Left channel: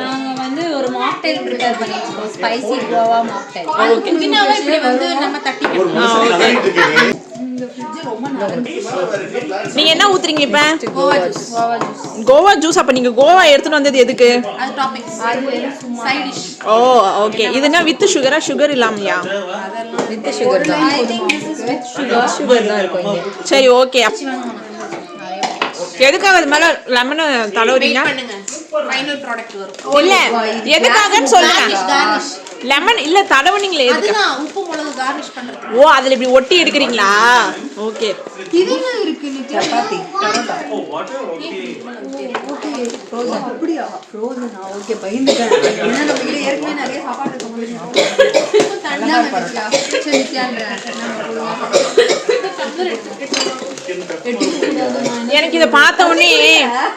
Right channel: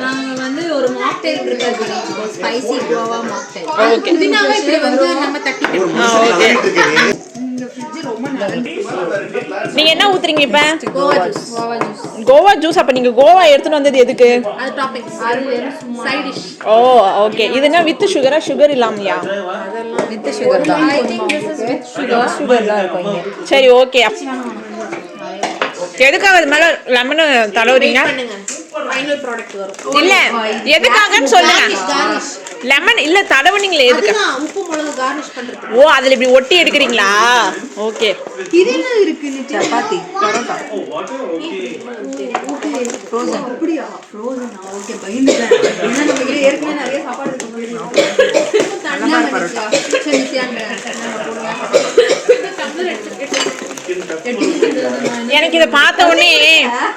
நாங்க வந்து ஒரு மாக்டைல் ப்ரிப்பேர் பண்ணிருக்கோம். Spicy Goa mocktail. ஓகே. புதினாவை இப்படி வந்து நம்ம தட்டி ஓகே. இந்த ஃப்ரிட்ஜ் ரொம்ப நல்லா இருக்கு. நீங்க என்ன ஊத்துறீங்க இப்ப? Goa juice. Goa juice. Goa juice. அப்ப நீங்க கோவா எடுத்துட்டு வந்தது எதுக்கு? அது டாபிக்ஸ். அது சைடு டிஷ். ஓ ஓகே. இதுனா வித் சுகரா சுகர் இல்லாமயா? வித் சுகர் தான். I think this is with sugar. Sugar தான் இருக்கும் இங்க. சரி ஓகே. எதுக்காக அது மேல லெமன் தடவுறீங்க? ஃபைனல் ப்ராடக்ட் வரும். இல்ல எதுக்காகன்னு சொல்லுங்க. லெமன் இல்ல தடவுனீங்களே எதுக்கு? உப்பு மிளகு கார்னிஷ் பண்றது. ஓ அதுல இப்படி ஒட்டி எடுக்கறீங்களா? ஓகே. இது என்ன இருக்கு? சப்பாத்தி பரோட்டா. ஃப்ரோசன். அப்படியே ஃப்ரோசனா? ஓகே பயந்துட்டேன். ஏன்னா நம்ம கிட்ட ஏற்கனவே நிறைய சாப்பாடு இருக்கு போயிருக்கோம். நல்லா பரோட்டா. சரி நித்யாங்க. எனக்கு இதை பார்த்த உடனே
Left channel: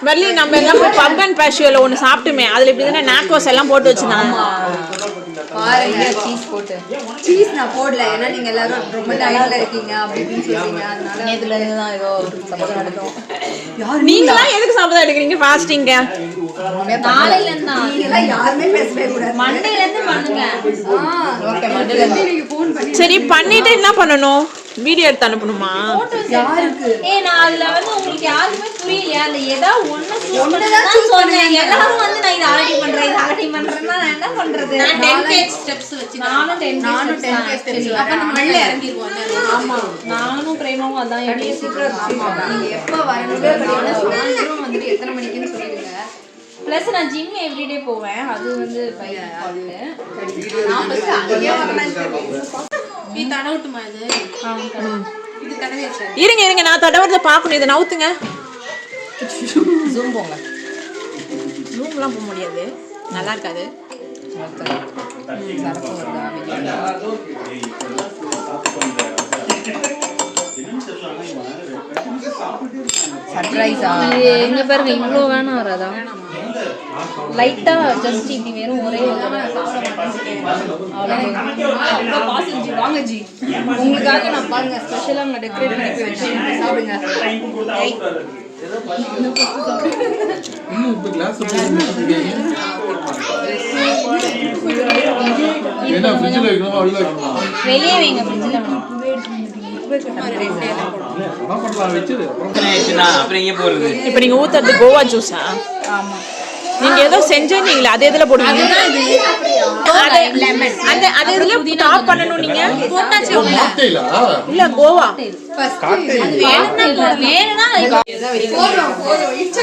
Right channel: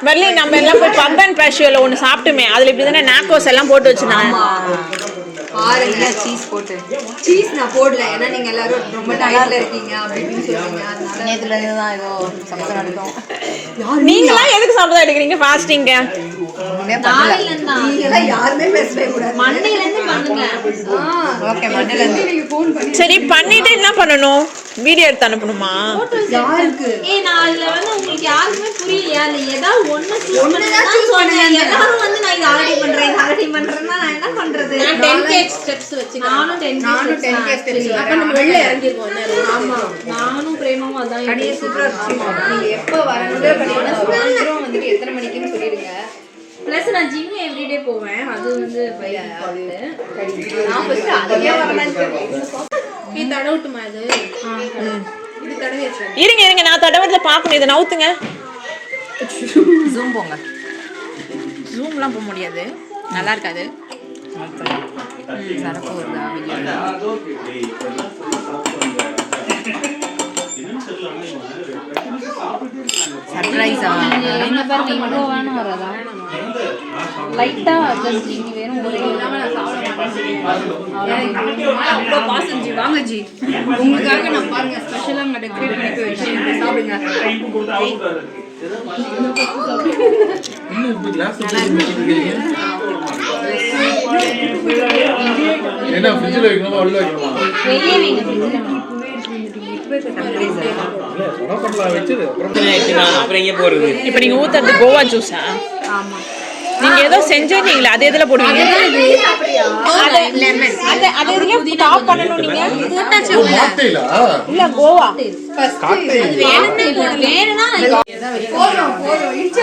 வரலி நம்ம எல்லாம் போய் பப் அண்ட் பேஷுவல ஒன்று சாப்பிட்டுமே அதில் இப்படி தானே நாக்கோஸ் எல்லாம் போட்டு வச்சுருந்தாங்க. பாருங்க சீஸ் போட்டு. சீஸ் நான் போடல ஏன்னா நீங்க எல்லாரும் ரொம்ப டயட்ல இருக்கீங்க அப்படின்னு சொல்றீங்க. அதனால நேத்துல இருந்து தான் ஏதோ சமைச்சு நடக்கும். நீங்களாம் எதுக்கு சாப்பிட எடுக்கிறீங்க ஃபாஸ்டிங்க? நாளையில இருந்தா நீங்க எல்லாம் யாருமே பேசவே கூடாது. மண்டேல இருந்து பண்ணுங்க. ஓகே மண்டேல இருந்து நீங்க ஃபோன் பண்ணி சரி பண்ணிட்டு என்ன பண்ணணும்? வீடியோ எடுத்து அனுப்பணுமா? யாருக்கு? நான் அதுல வந்து உங்களுக்கு யாருமே புரியலையா? இல்ல ஏதாவது ஒண்ணு சூஸ் பண்ணா சொல்றேன். எல்லாரும் வந்து நான் இத ஆல்ரெடி பண்றேன் இத ஆல்ரெடி பண்றேன்னா நான் என்ன பண்றது? நான் 10k ஸ்டெப்ஸ் வச்சு நானும் 10k ஸ்டெப்ஸ். அப்ப நம்ம வெளிய இறங்கிடுவோம். ஆமா நானும் பிரேமாவும் அதான் கடியே சூப்பரா இருக்கு. நீங்க எப்ப வரணும்னு பண்ணீங்கன்னா சாயந்திரம் வந்துட்டு எத்தனை மணிக்குன்னு சொல்லிடுங்க. பிளஸ் நான் ஜிம் எவ்ரிடே போவேன். அது வந்து பையன் நான் ஃபர்ஸ்ட் அங்கேயே வரலாம்னு நீ தடவட்டுமா இது? இது தடவியாச்சு. இருங்க நான் தடவத்துல பார்க்கணும். இதை நவுத்துங்க. ஜூம் போங்க. ஜூம்லாம் போக முடியாது, நல்லா இருக்காது. சரப்பு வருதா வீடியோல? சர்ப்ரைஸா? எங்க பாருங்க இவ்வளோ வேணும் வராதா? லைட்டா ஜஸ்ட் இப்படி வேணும் ஒரே அவ்வளோ பாசம் ஜி. வாங்க ஜி, உங்களுக்காக நான் பாருங்க ஸ்பெஷலாக அங்கே டெக்கரேட் பண்ணி வச்சேன். சாப்பிடுங்க. இன்னும் இப்ப கிளாஸ் என்ன ஃப்ரிட்ஜ்ல வைக்கணுமா உள்ள வைக்கணுமா? வெளியே வைங்க ஃப்ரிட்ஜ்ல. இப்போ நீங்க ஊத்துறது கோவா ஜூஸா? ஆமா. நீங்க ஏதோ செஞ்சீங்களா? அது எதுல போடுவீங்க? அது எதுல டாப் பண்ணனும் நீங்க? மாக்டெயிலா? இல்ல கோவா. காக்டெயில். வேணும்னா போதும் இன்ச்சு